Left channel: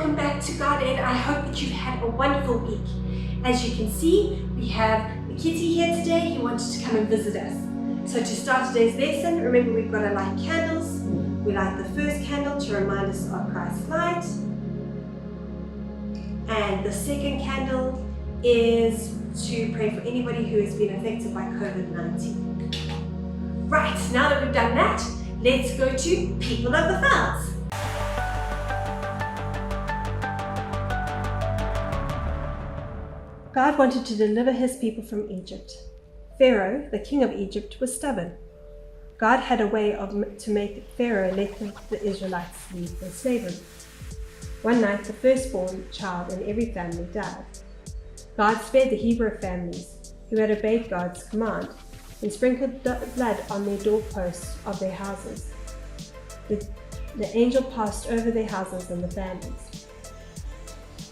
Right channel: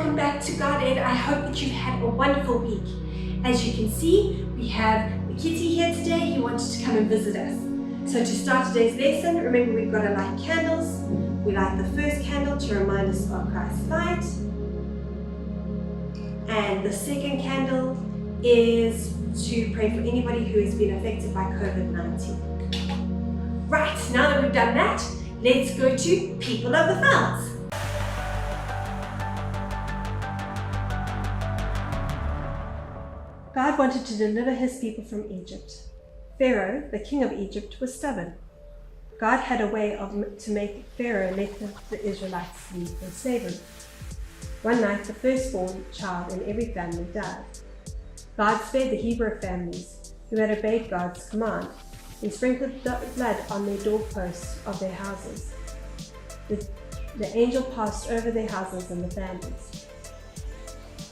welcome back to God Ed. I hope that you've had a wonderful week. As you can see, we have the kitty here today. He wanted to come and visit us. So to start today's lesson, remember we've got to light candles. We light the first candle to remind us of Christ's light. And the second candle is to pray for anybody who has been affected by COVID-19. Right, now that we've done that, let's go to People of the Fields. God wanted to deliver his people from Egypt. Pharaoh, the king of Egypt, was stubborn. God had a way to make Pharaoh let the Israelites leave their slavery. One night, the firstborn child in every family died. God spared the Hebrew families who had obeyed God's command and sprinkled blood on their doorposts of their houses. The angel passed over their houses and the families.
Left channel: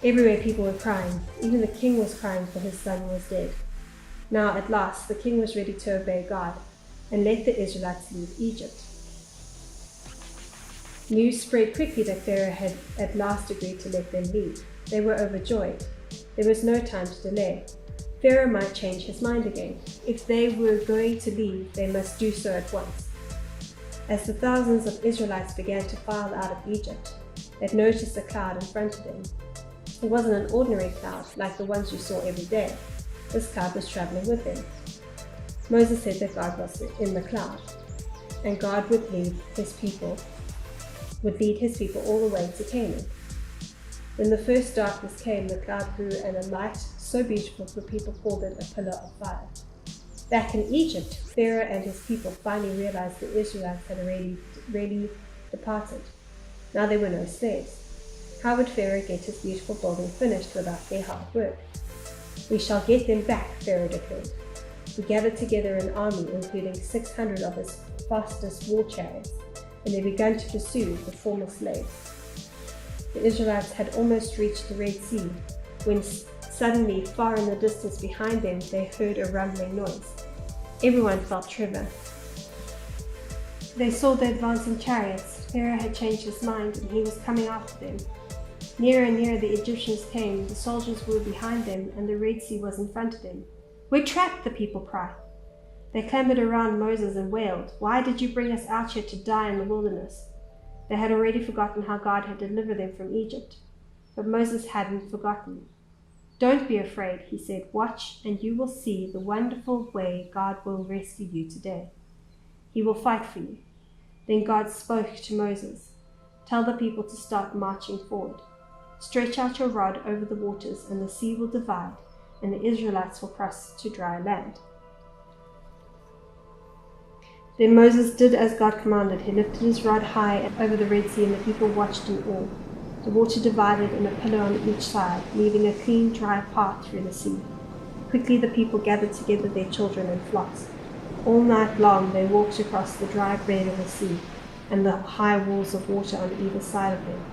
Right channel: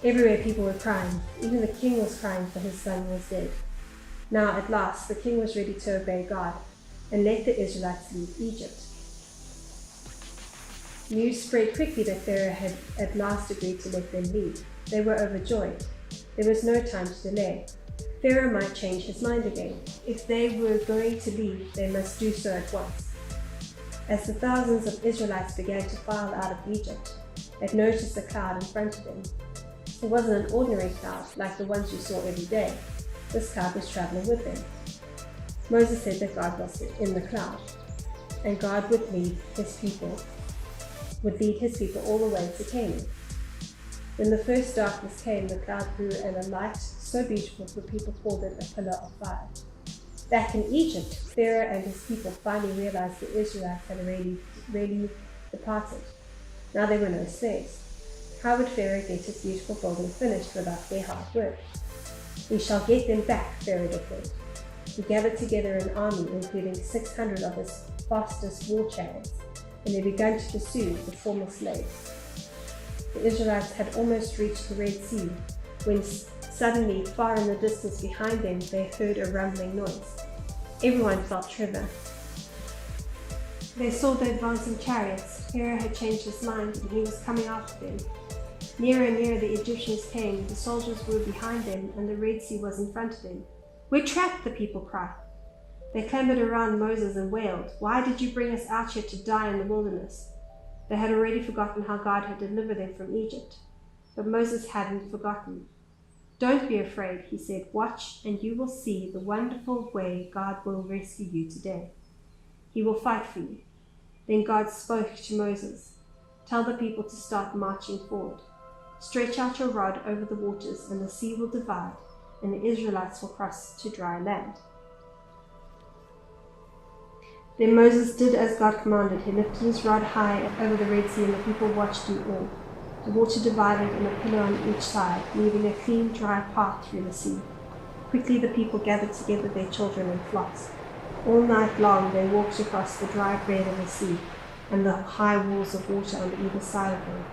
Everywhere people were crying. Even the king was crying, for his son was dead. Now at last the king was ready to obey God and let the Israelites leave Egypt. News spread quickly that Pharaoh had at last agreed to let them leave. They were overjoyed. There was no time to delay. Pharaoh might change his mind again. If they were going to leave, they must do so at once. As the thousands of Israelites began to file out of Egypt, they noticed a cloud in front of them. It wasn't an ordinary cloud like the ones you saw every day. This cloud was traveling with them. Moses said that God was in the cloud, and God would lead his people all the way to Canaan. When the first darkness came, the cloud grew, and a light so beautiful the people called it a pillar of fire. Back in Egypt, Pharaoh and his people finally realized the Israelites had really departed. Now there were no slaves. How would Pharaoh get his beautiful building finished without their hard work? We shall get them back, Pharaoh declared. He gathered together an army, including 600 of his fastest war chariots, and they began to pursue the former slaves. The Israelites had almost reached the Red Sea, when suddenly, far in the distance behind them, they heard a rumbling noise. Everyone felt tremor. They saw the advancing chariots. Pharaoh had changed his mind, and he was coming after them. Nearer and nearer the Egyptians came. The soldiers were behind them, and the Red Sea was in front of them. "We're trapped," the people cried. They clambered around Moses and wailed, "Why did you bring us out here to die in the wilderness?" They had already forgotten how God had delivered them from Egypt. But Moses hadn't forgotten. "Don't be afraid," he said. "Watch, and you will see the wonderful way God will rescue you today. He will fight for you." Then God spoke to Moses. "Tell the people to start marching forward. Stretch out your rod over the waters, and the sea will divide, and the Israelites will cross to dry land." Then Moses did as God commanded. He lifted his rod high over the Red Sea, and the people watched in awe. The water divided in a pillar on each side, leaving a clean, dry path through the sea. Quickly the people gathered together their children and flocks. All night long they walked across the dry bed of the sea and the high walls of water on either side of them.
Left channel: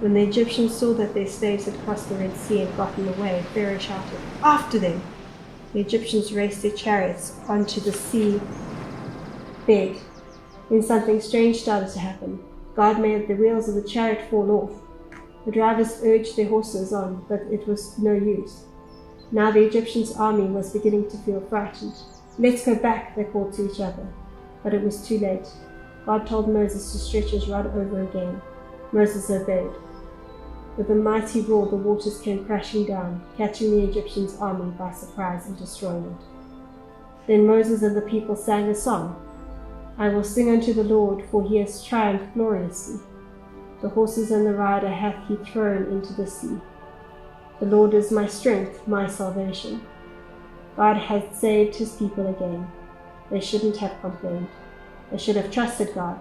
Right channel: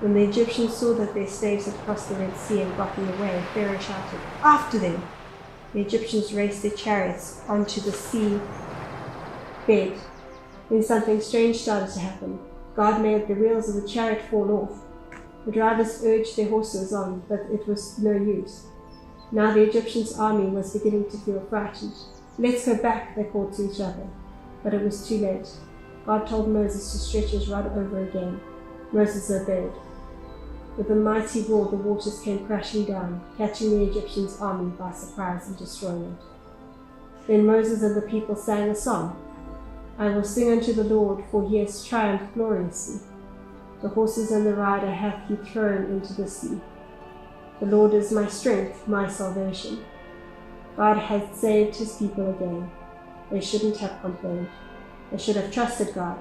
When the Egyptians saw that their slaves had crossed the Red Sea and gotten away, Pharaoh shouted, "After them!" The Egyptians raced their chariots onto the sea bed. Then something strange started to happen. God made the wheels of the chariot fall off. The drivers urged their horses on, but it was no use. Now the Egyptians' army was beginning to feel frightened. "Let's go back," they called to each other. But it was too late. God told Moses to stretch his rod over again. Moses obeyed. With a mighty roar, the waters came crashing down, catching the Egyptians' army by surprise and destroying it. Then Moses and the people sang a song. "I will sing unto the Lord, for he has triumphed gloriously. The horses and the rider hath he thrown into the sea. The Lord is my strength, my salvation." God had saved his people again. They shouldn't have complained. They should have trusted God.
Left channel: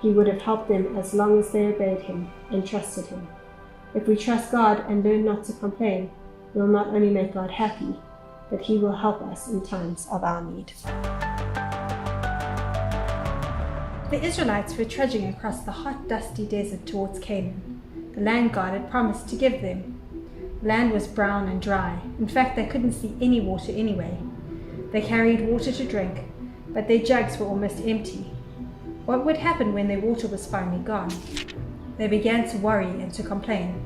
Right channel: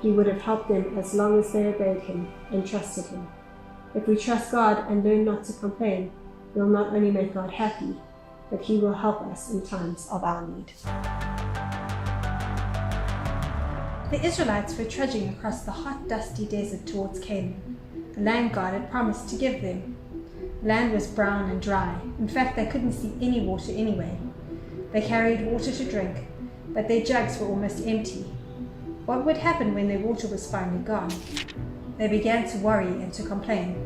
He would have helped them as long as they obeyed him and trusted him. If we trust God and learn not to complain, we'll not only make God happy, but he will help us in times of our need. The Israelites were trudging across the hot, dusty desert towards Canaan, the land God had promised to give them. The land was brown and dry. In fact, they couldn't see any water anyway. They carried water to drink, but their jugs were almost empty. What would happen when their water was finally gone? They began to worry and to complain.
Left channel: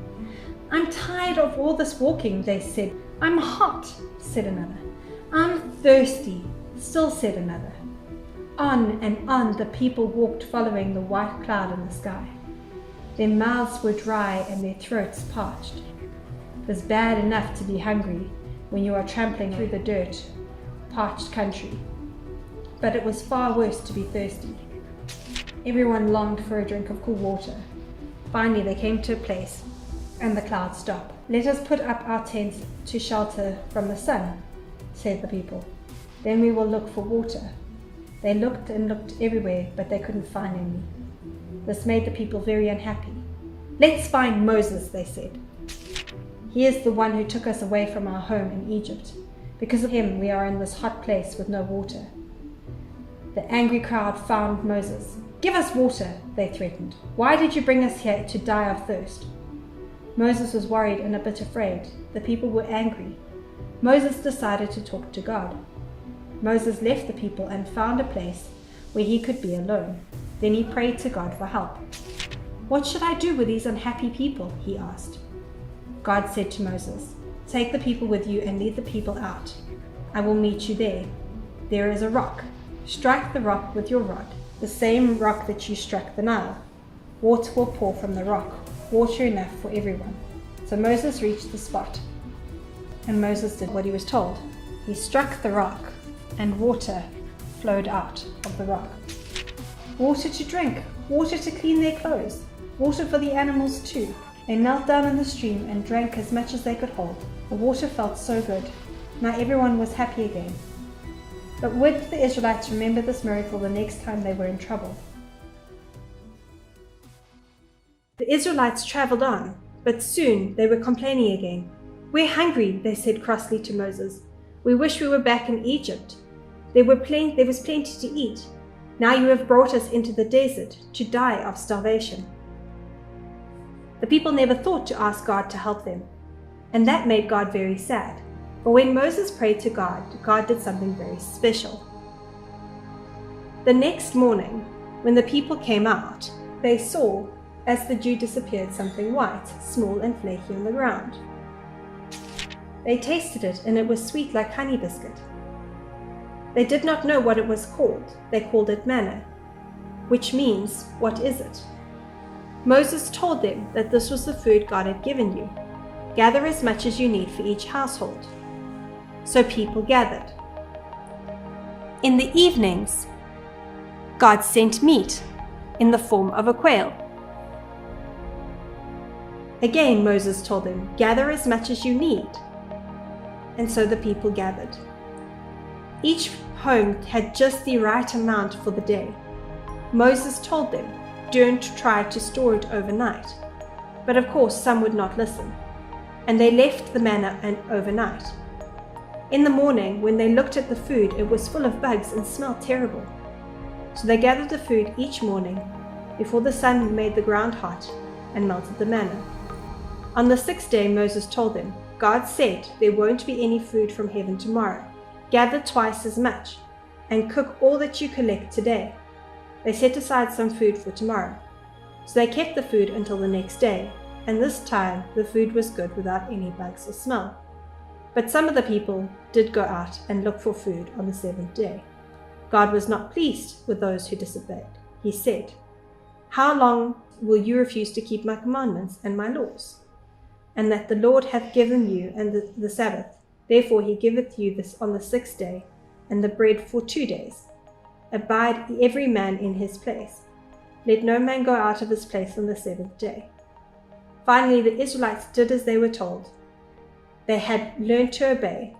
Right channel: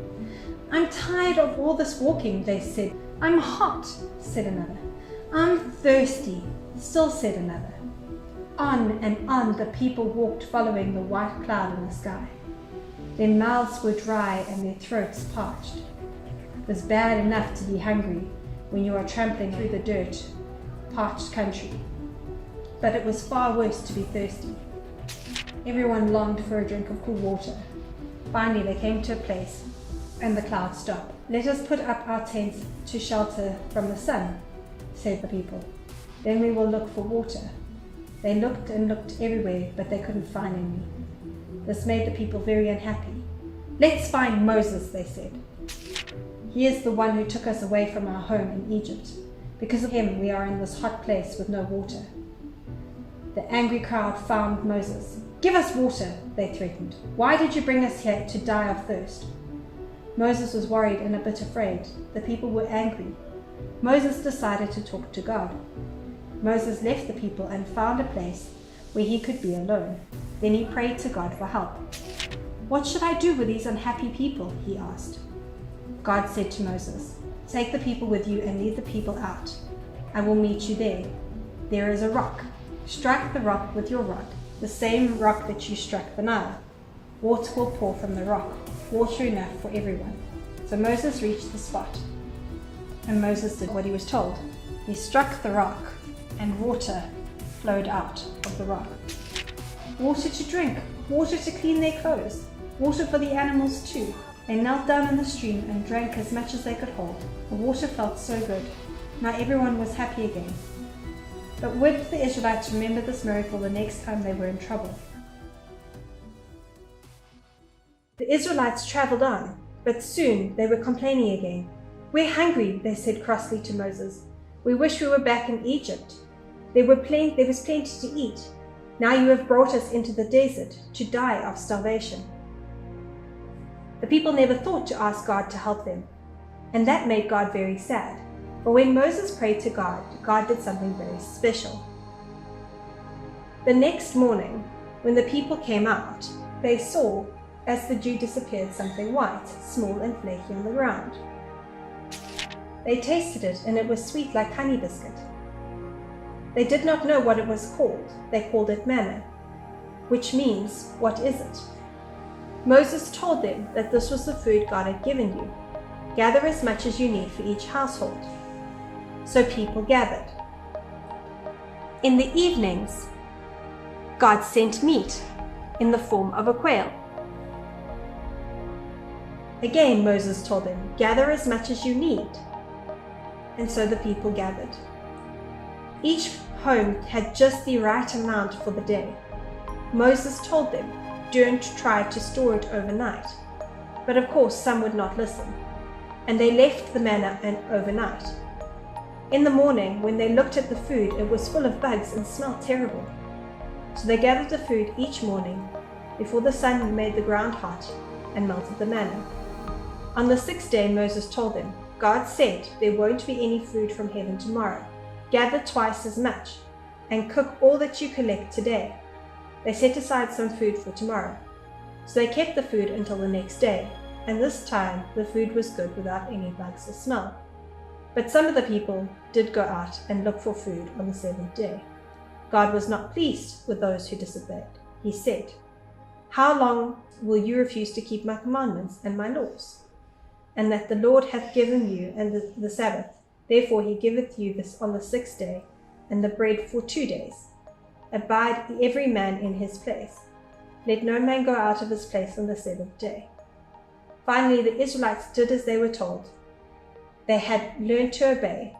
I'm tired of all this walking, they said. I'm hot, said another. I'm thirsty, still said another. On and on the people walked, following the white cloud in the sky. Their mouths were dry and their throats parched. It was bad enough to be hungry when you are trampling through the dirt, parched country, but it was far worse to be thirsty. Everyone longed for a drink of cool water. Finally they came to a place, and the clouds stopped. Let us put up our tents to shelter from the sun, said the people. Then we will look for water. They looked and looked everywhere, but they couldn't find any. This made the people very unhappy. Let's find Moses, they said. He is the one who took us away from our home in Egypt. Because of him, we are in this hot place with no water. The angry crowd found Moses. Give us water, they threatened. Why did you bring us here to die of thirst? Moses was worried and a bit afraid. The people were angry. Moses decided to talk to God. Moses left the people and found a place where he could be alone. Then he prayed to God for help. What should I do with these unhappy people? He asked. God said to Moses, take the people with you and lead the people out. I will meet you there. There is a rock. Strike the rock with your rod, the same rock that you struck the Nile. Water will pour from the rock, water enough for everyone. So Moses reached the spot, and Moses did what he was told. He struck the rock, and water flowed out of the rock. Water to drink, water to clean their clothes, water for the animals too. They knelt down in the stream and drank as much as they could hold. The water felt so good. Now everyone was happy again. But would the Israelites remember this miracle the next time they were in trouble? The Israelites traveled on, but soon they were complaining again. We're hungry, they said crossly to Moses. We wish we were back in Egypt. There was plenty to eat. Now you have brought us into the desert to die of starvation. The people never thought to ask God to help them, and that made God very sad. But when Moses prayed to God, God did something very special. The next morning, when the people came out, they saw, as the dew disappeared, something white, small and flaky on the ground. They tasted it, and it was sweet like honey biscuit. They did not know what it was called. They called it manna, which means, what is it? Moses told them that this was the food God had given you. Gather as much as you need for each household. So people gathered. In the evenings, God sent meat in the form of a quail. Again, Moses told them, gather as much as you need. And so the people gathered. Each home had just the right amount for the day. Moses told them, don't try to store it overnight. But of course, some would not listen, and they left the manna overnight. In the morning, when they looked at the food, it was full of bugs and smelled terrible. So they gathered the food each morning before the sun made the ground hot and melted the manna. On the sixth day, Moses told them, God said there won't be any food from heaven tomorrow. Gather twice as much and cook all that you collect today. They set aside some food for tomorrow. So they kept the food until the next day, and this time the food was good without any bugs or smell. But some of the people did go out and look for food on the seventh day. God was not pleased with those who disobeyed. He said, how long will you refuse to keep my commandments and my laws? And that the Lord hath given you and the Sabbath. Therefore he giveth you this on the sixth day, and the bread for 2 days. Abide every man in his place. Let no man go out of his place on the seventh day. Finally, the Israelites did as they were told. They had learned to obey.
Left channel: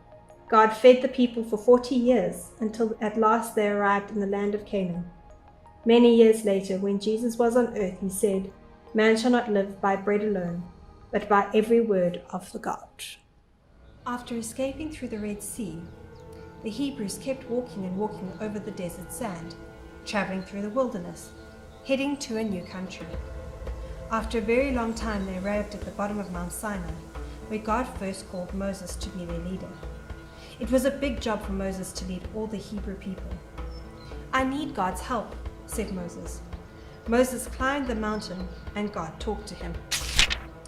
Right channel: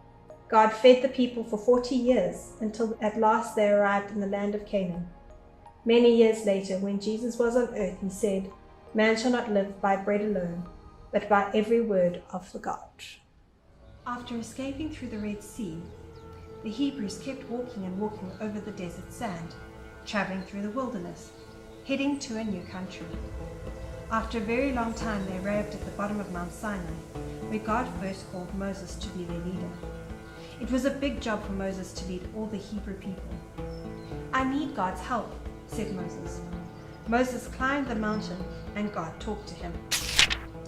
God fed the people for 40 years until at last they arrived in the land of Canaan. Many years later, when Jesus was on earth, he said, man shall not live by bread alone, but by every word of the God. After escaping through the Red Sea, the Hebrews kept walking and walking over the desert sand, traveling through the wilderness, heading to a new country. After a very long time, they arrived at the bottom of Mount Sinai, where God first called Moses to be their leader. It was a big job for Moses to lead all the Hebrew people. I need God's help, said Moses. Moses climbed the mountain, and God talked to him.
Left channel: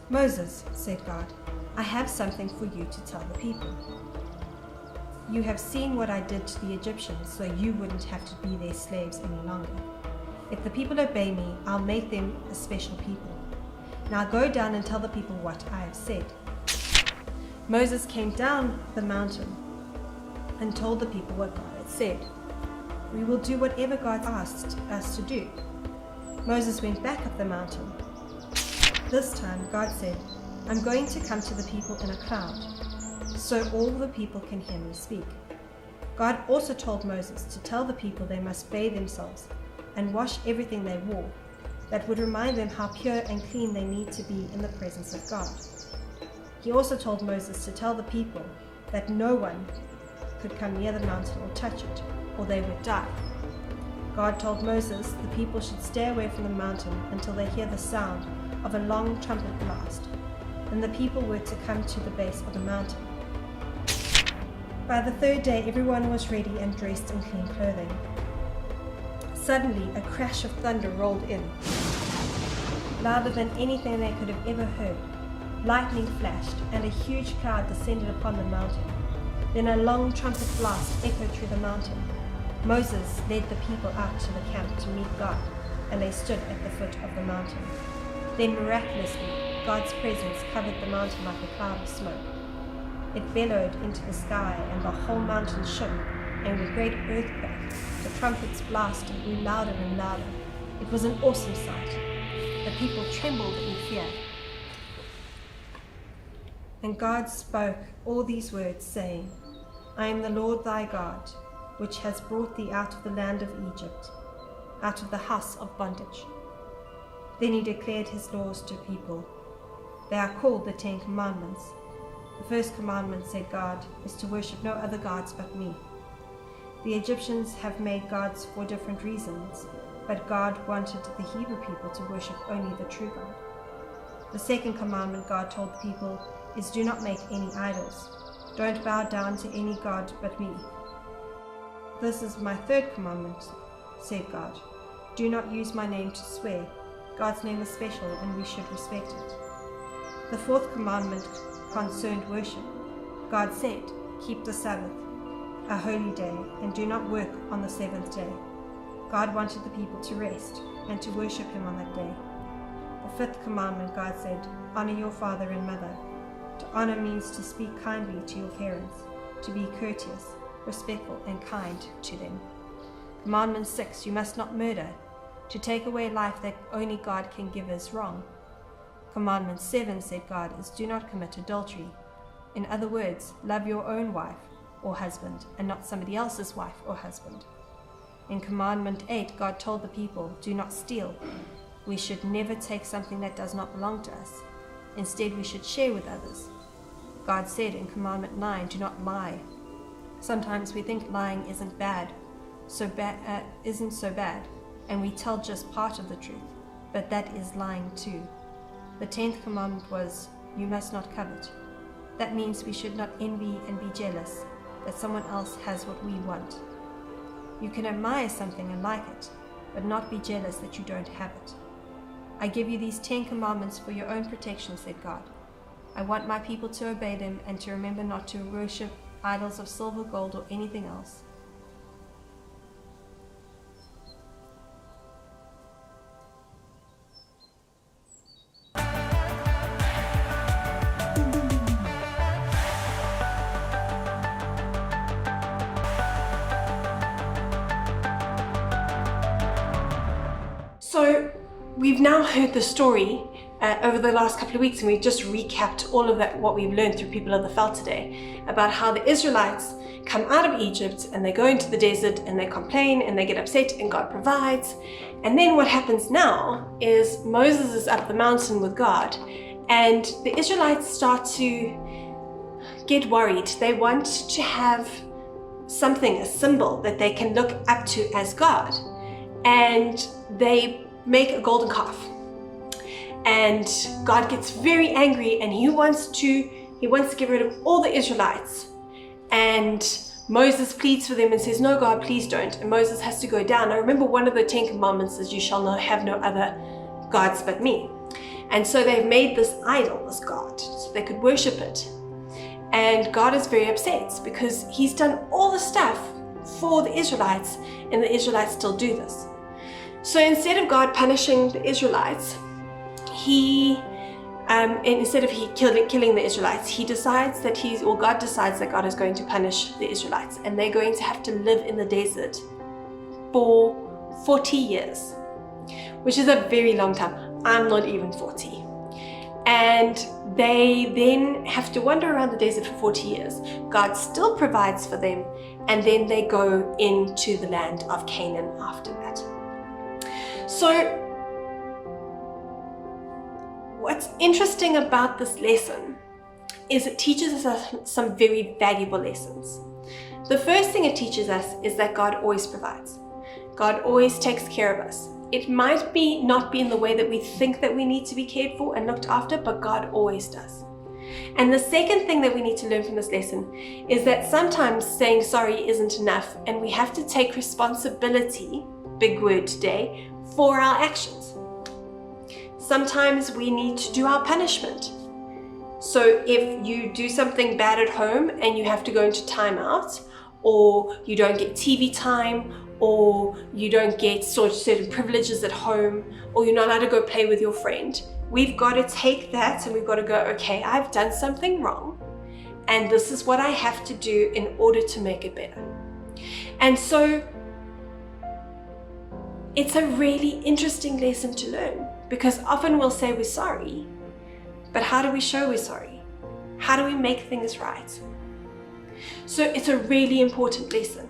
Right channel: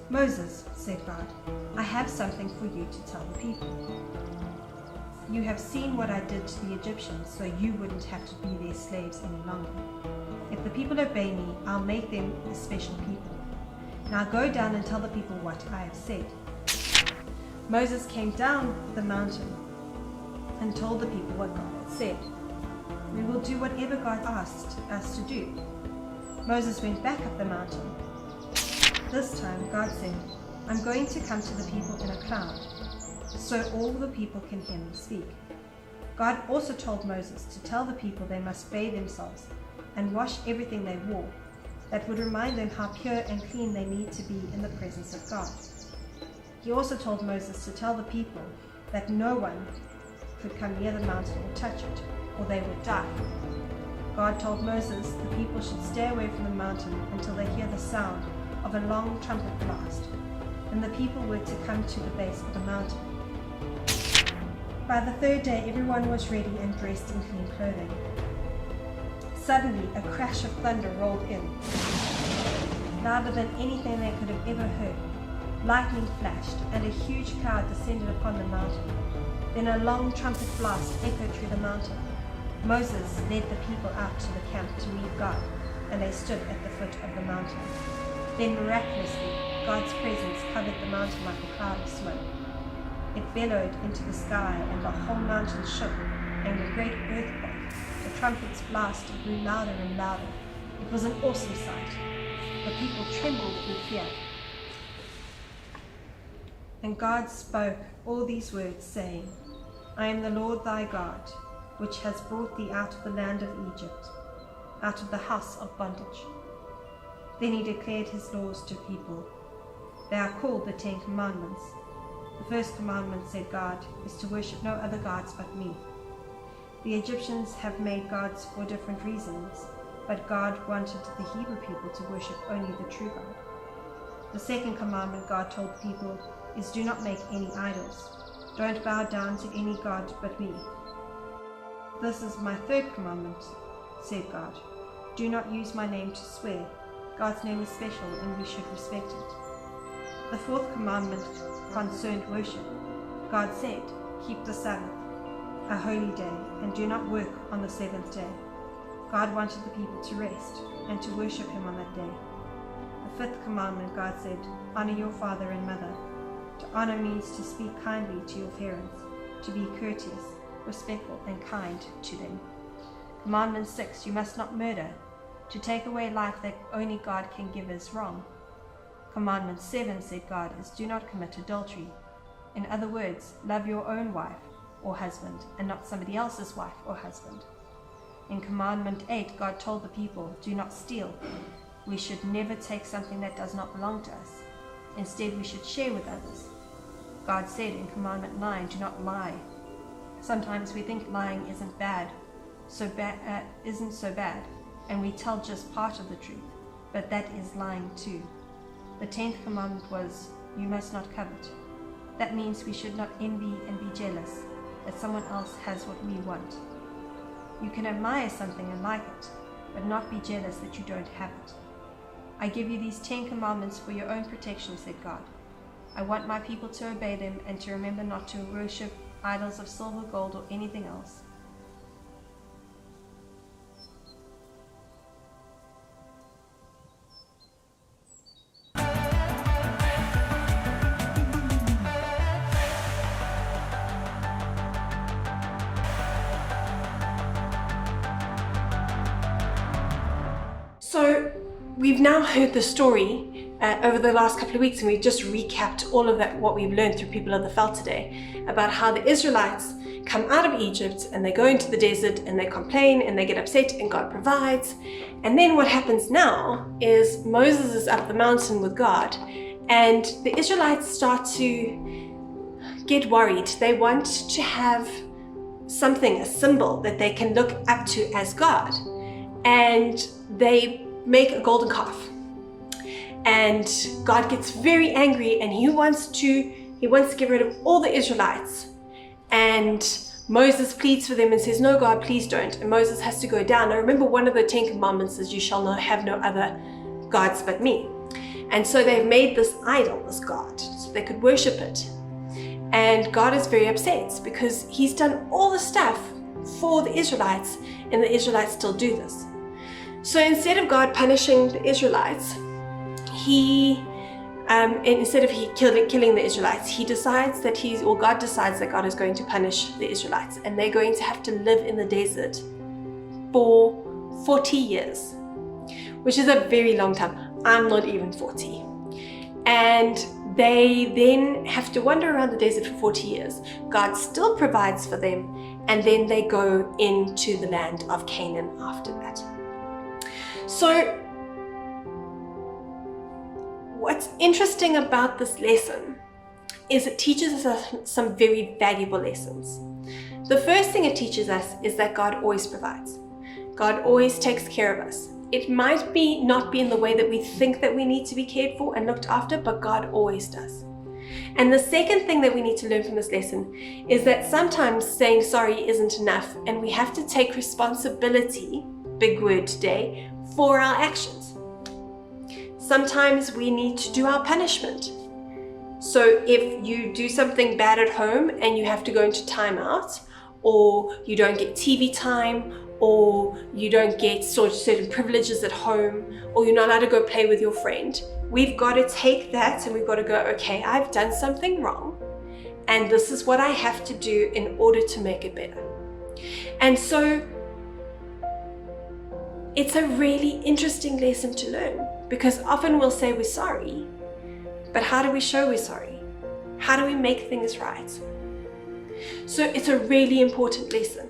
"Moses," said God, "I have something for you to tell the people. You have seen what I did to the Egyptians, so you wouldn't have to be their slaves any longer. If the people obey me, I'll make them a special people. Now go down and tell the people what I have said." Moses came down the mountain and told the people what God had said. "We will do whatever God asked us to do." Moses went back up the mountain. This time God said, "I'm going to come to the people in a cloud, so all the people can hear me speak." God also told Moses to tell the people they must bathe themselves and wash everything they wore. That would remind them how pure and clean they need to be in the presence of God. He also told Moses to tell the people that no one could come near the mountain or touch it, or they would die. God told Moses the people should stay away from the mountain until they hear the sound of a long trumpet blast, and the people were to come to the base of the mountain. By the third day, everyone was ready and dressed in clean clothing. Suddenly, a crash of thunder rolled in, louder than anything they could have ever heard. Lightning flashed, and a huge cloud descended upon the mountain. Then a long trumpet blast echoed through the mountain. Moses led the people out to the camp to meet God, and they stood at the foot of the mountain. Then miraculously, God's presence covered the mountain like a cloud of smoke. It bellowed into the sky, and the whole mountain shook, and with a great earthquake, the trumpets blasted and grew louder and louder. It was an awesome sight. The people trembled in fear. And God spoke all these words, saying, "I am the Lord thy God, which has brought thee out of the land of Egypt, out of the house of bondage." Then he declared his laws to people. They are called the 10 Commandments. The first commandment, said God, is to worship no other gods but me. The Egyptians have made gods for different reasons, but God wanted the Hebrew people to worship only the true God. The second commandment God told the people is, do not make any idols. Don't bow down to any god but me. This is my third commandment, said God. Do not use my name to swear. God's name is special and we should respect it. The fourth commandment concerned worship. God said, keep the Sabbath, a holy day, and do not work on the seventh day. God wanted the people to rest and to worship him on that day. The fifth commandment, God said, honor your father and mother. To honor means to speak kindly to your parents, to be courteous, respectful, and kind to them. Commandment 6, you must not murder. To take away life that only God can give is wrong. Commandment 7, said God, is do not commit adultery. In other words, love your own wife or husband and not somebody else's wife or husband. In Commandment 8, God told the people, do not steal. We should never take something that does not belong to us. Instead, we should share with others. God said in Commandment 9, do not lie. Sometimes we think lying isn't so bad, and we tell just part of the truth, but that is lying too. The 10th commandment was, you must not covet. That means we should not envy and be jealous that someone else has what we want. You can admire something and like it, but not be jealous that you don't have it. I give you these 10 commandments for your own protection, said God. I want my people to obey them and to remember not to worship idols of silver, gold, or anything else. So we've now heard the story over the last couple of weeks, and we've just recapped all of that, what we've learned through People of the Veld today, about how the Israelites come out of Egypt and they go into the desert and they complain and they get upset and God provides. And then what happens now is Moses is up the mountain with God and the Israelites start to get worried. They want to have something, a symbol that they can look up to as God. And they make a golden calf. And God gets very angry and he wants to get rid of all the Israelites. And Moses pleads for them and says, no, God, please don't. And Moses has to go down. Now remember, one of the 10 commandments is you shall have no other gods but me. And so they've made this idol, this god, so they could worship it. And God is very upset because he's done all the stuff for the Israelites, and the Israelites still do this. So instead of God punishing the Israelites, instead of killing the Israelites, God decides that God is going to punish the Israelites, and they're going to have to live in the desert for 40 years, which is a very long time. I'm not even 40. And they then have to wander around the desert for 40 years. God still provides for them, and then they go into the land of Canaan after that. So what's interesting about this lesson is it teaches us some very valuable lessons. The first thing it teaches us is that God always provides. God always takes care of us. It might not be in the way that we think that we need to be cared for and looked after, but God always does. And the second thing that we need to learn from this lesson is that sometimes saying sorry isn't enough, and we have to take responsibility, big word today, for our actions. Sometimes we need to do our punishment. So if you do something bad at home and you have to go into timeout, or you don't get TV time, or you don't get certain privileges at home, or you're not allowed to go play with your friend, we've got to take that and we've got to go, okay, I've done something wrong, and this is what I have to do in order to make it better. And so it's a really interesting lesson to learn, because often we'll say we're sorry, but how do we show we're sorry? How do we make things right? So it's a really important lesson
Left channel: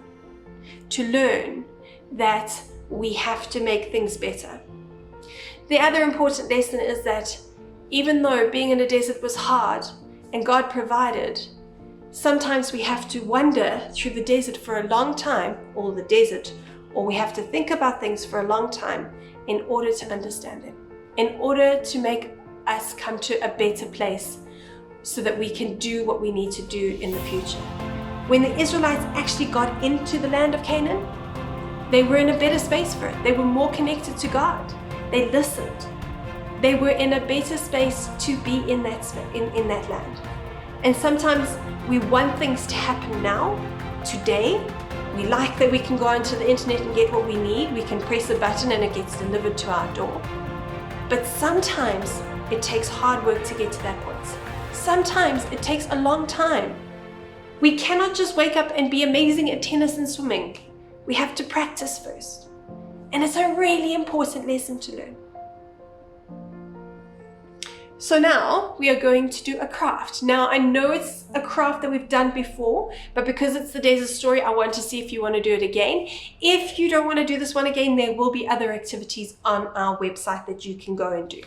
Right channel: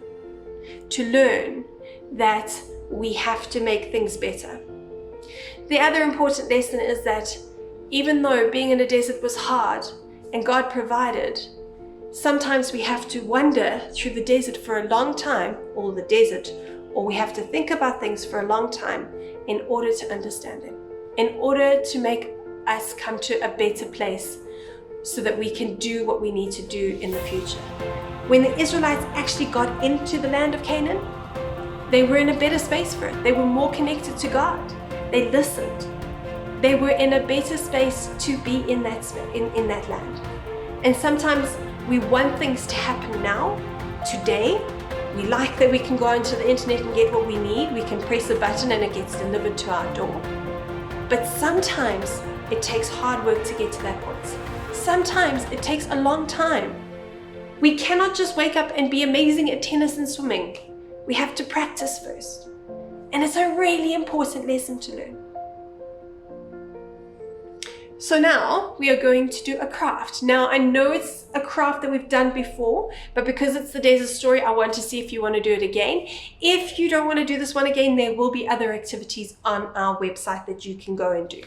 to learn that we have to make things better. The other important lesson is that even though being in a desert was hard and God provided, sometimes we have to wander through the desert for a long time, or we have to think about things for a long time in order to understand them, in order to make us come to a better place so that we can do what we need to do in the future. When the Israelites actually got into the land of Canaan, they were in a better space for it. They were more connected to God. They listened. They were in a better space to be in that land. And sometimes we want things to happen now, today. We like that we can go onto the internet and get what we need. We can press a button and it gets delivered to our door. But sometimes it takes hard work to get to that point. Sometimes it takes a long time. We cannot just wake up and be amazing at tennis and swimming. We have to practice first. And it's a really important lesson to learn. So now we are going to do a craft. Now I know it's a craft that we've done before, but because it's the desert story, I want to see if you want to do it again. If you don't want to do this one again, there will be other activities on our website that you can go and do.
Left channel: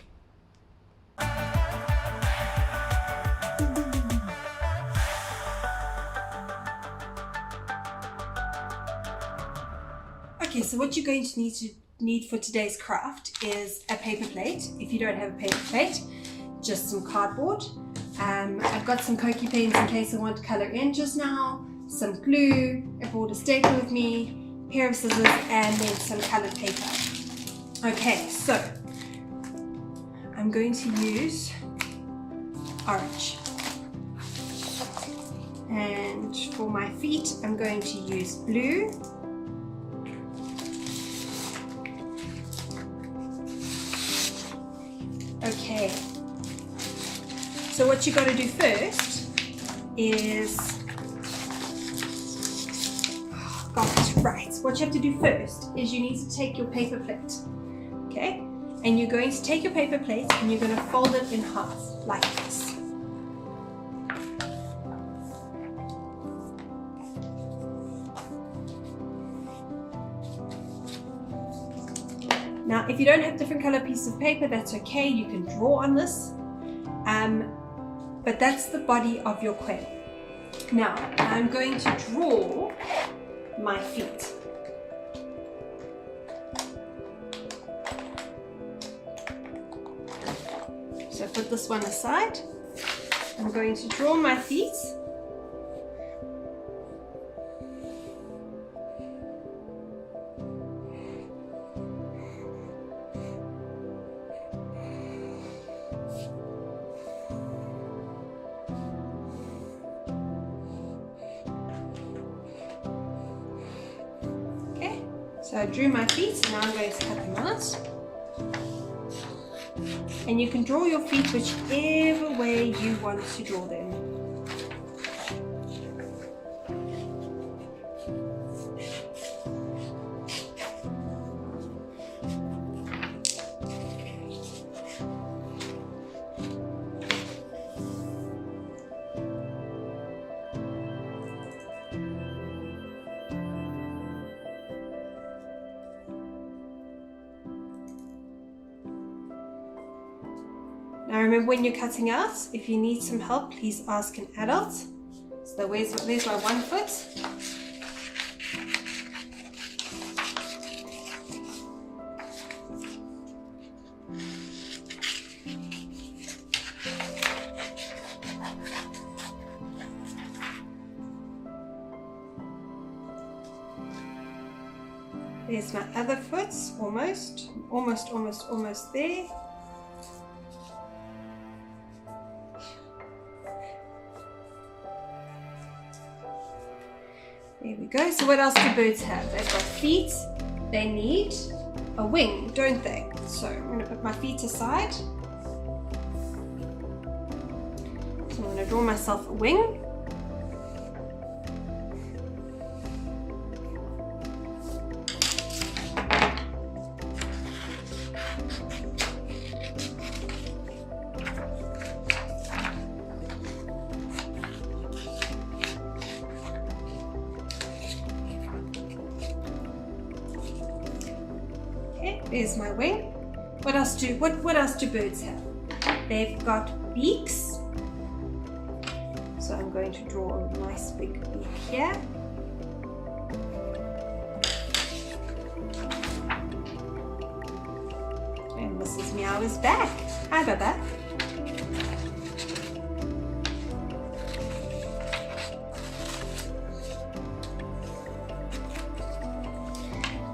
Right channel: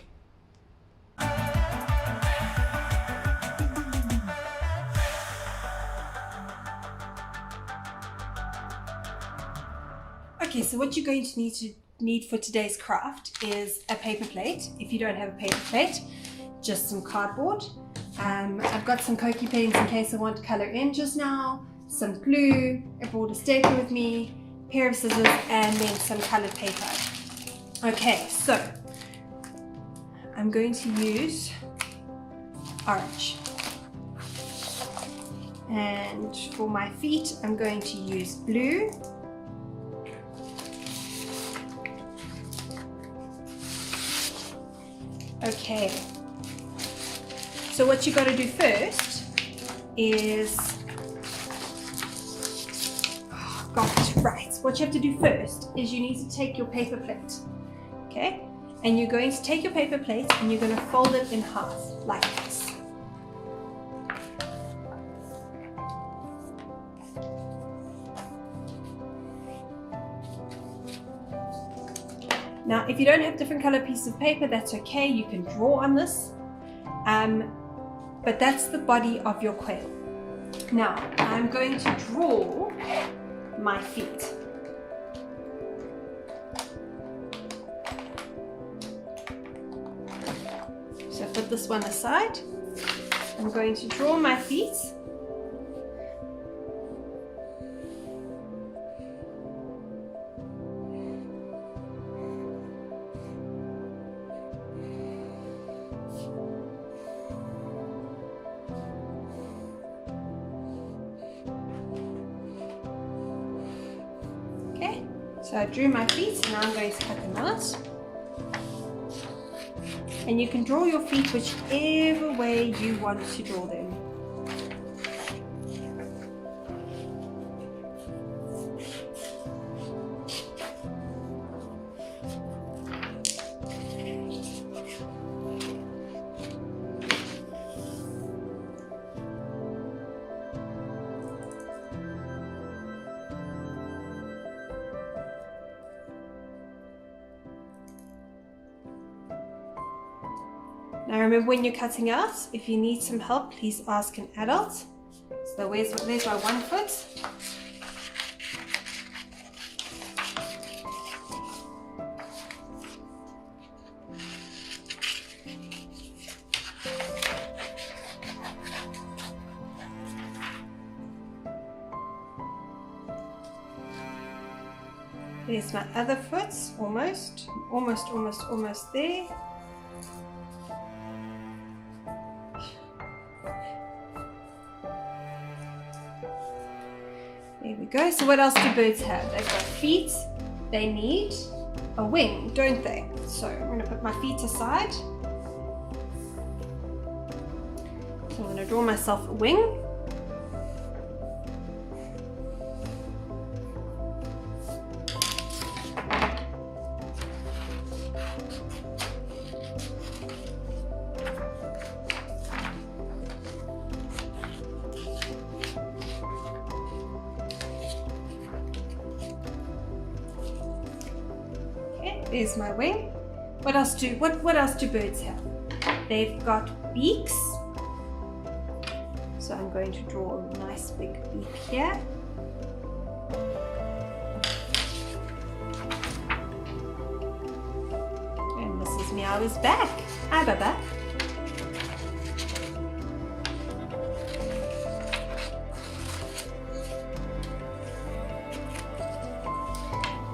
Okay, so what you're going to need for today's craft is a paper plate. If you don't have a paper plate, just some cardboard. I've got some Koki pens in case I want to color in just now, some glue, I brought a stapler with me, a pair of scissors, and then some colored paper. Okay, so I'm going to use orange. And for my feet, I'm going to use blue. Okay, so what you got to do first is, what you have to do first is you need to take your paper plate, okay? And you're going to take your paper plate and you're going to fold it in half like this. Now, if you don't have different color pieces of paper, that's okay. You can draw on this, but that's the body of your quail. Now, I'm going to draw my feet. So put this one aside. I'm going to draw my feet. So I drew my feet, and now I'm going to cut them out. And you can draw your feet whichever way you want to draw them. Now remember, when you're cutting out, if you need some help, please ask an adult. So there's my one foot. There's my other foot, almost there. There we go. So what else do birds have? They've got feet. They need a wing, don't they? So I'm going to put my feet aside. So I'm going to draw myself a wing. There's my wing. What else do birds have? They've got beaks. So I'm going to draw a nice big beak here. And Mrs. Meow is back. Hi, Baba.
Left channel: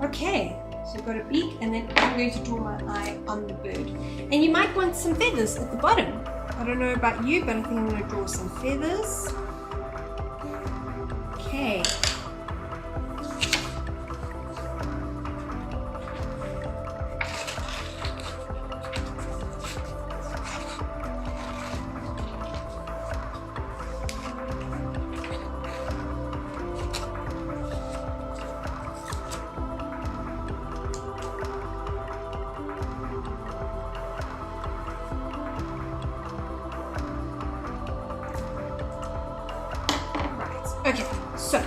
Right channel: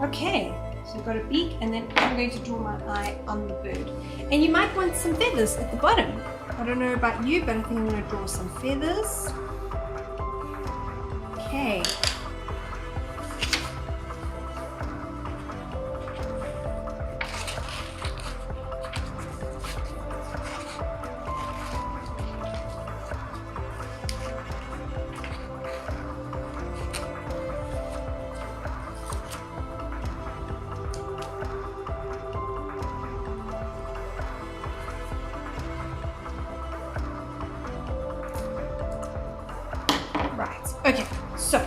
Okay. So I've got a beak, and then I'm going to draw my eye on the bird. And you might want some feathers at the bottom. I don't know about you, but I think I'm going to draw some feathers. Okay. Okay, so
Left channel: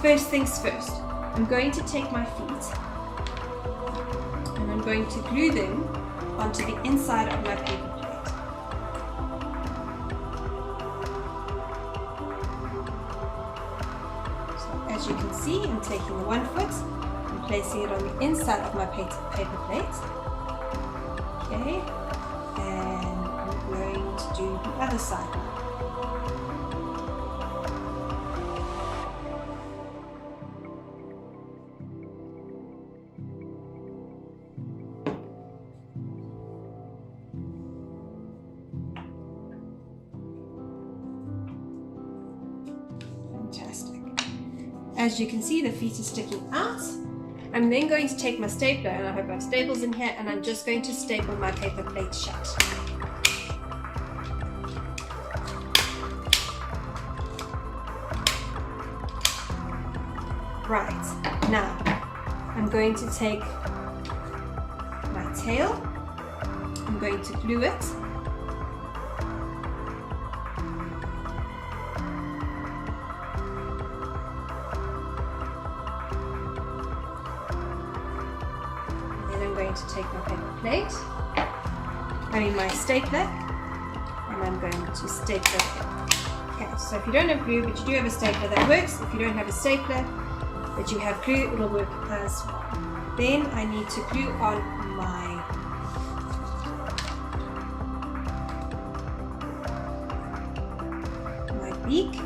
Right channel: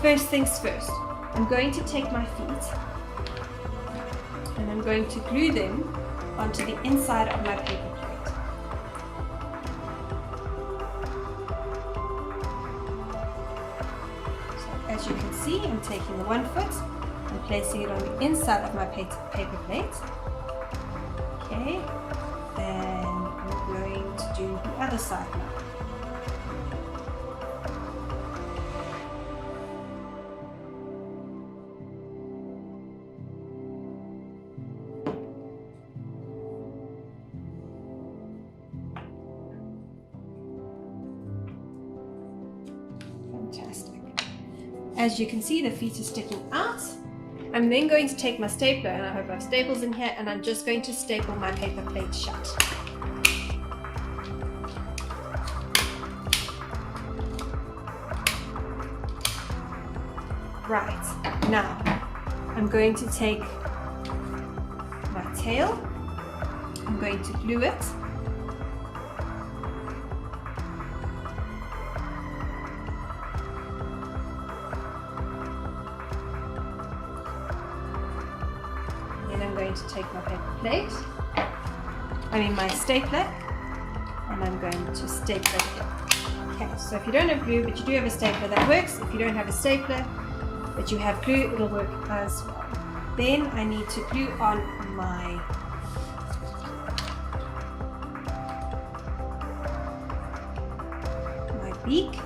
first things first, I'm going to take my feet and I'm going to glue them onto the inside of my paper plate. So as you can see, I'm taking the one foot and placing it on the inside of my paper plate. Okay, and I'm going to do the other side now. Fantastic. As you can see, the feet are sticking out. I'm then going to take my stapler, and I hope I have staples in here, and I'm just going to staple my paper plate shut. Right, now I'm going to take my tail, I'm going to glue it. I'm going to take my paper plate, my stapler, and I'm going to staple it. Okay, so if you don't have glue, but you do have a stapler, that works. If you don't have a stapler, but you have glue, it'll work as well. Then I need to glue on my beak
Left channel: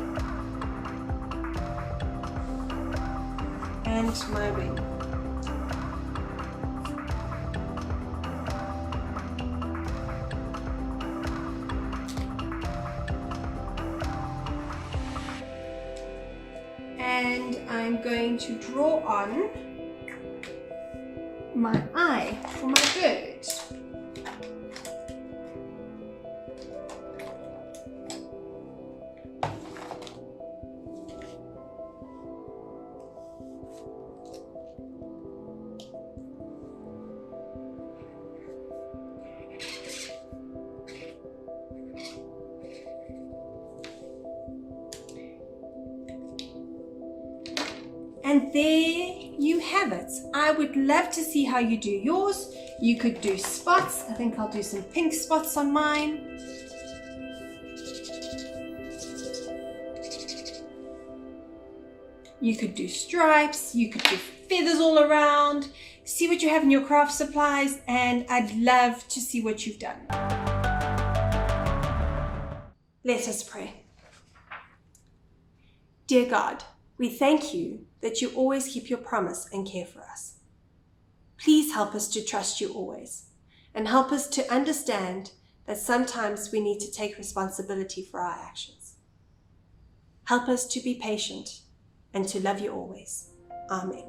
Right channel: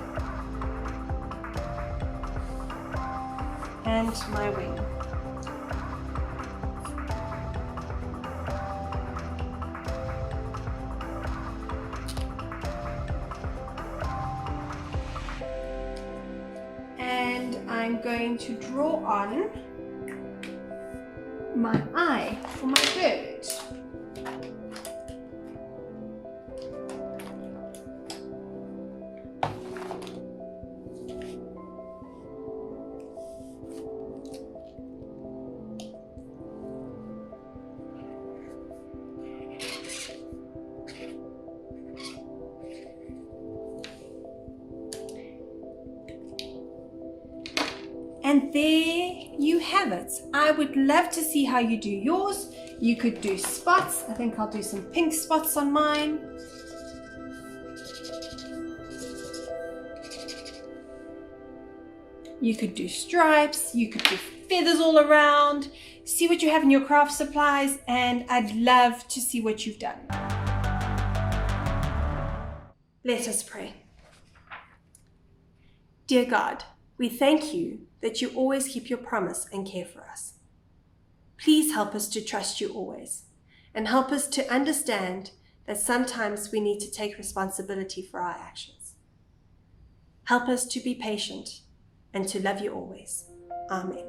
and my wing. And I'm going to draw on my eye for my bird. And there you have it. I would love to see how you do yours. You could do spots. I think I'll do some pink spots on mine. You could do stripes. You could do feathers all around. See what you have in your craft supplies, and I'd love to see what you've done. Let us pray. Dear God, we thank you that you always keep your promise and care for us. Please help us to trust you always, and help us to understand that sometimes we need to take responsibility for our actions. Help us to be patient and to love you always. Amen.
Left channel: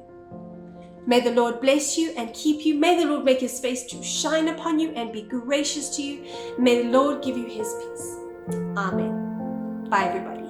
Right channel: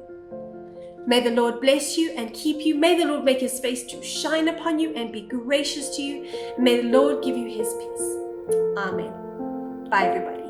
May the Lord bless you and keep you. May the Lord make his face to shine upon you and be gracious to you. May the Lord give you his peace. Amen. Bye, everybody.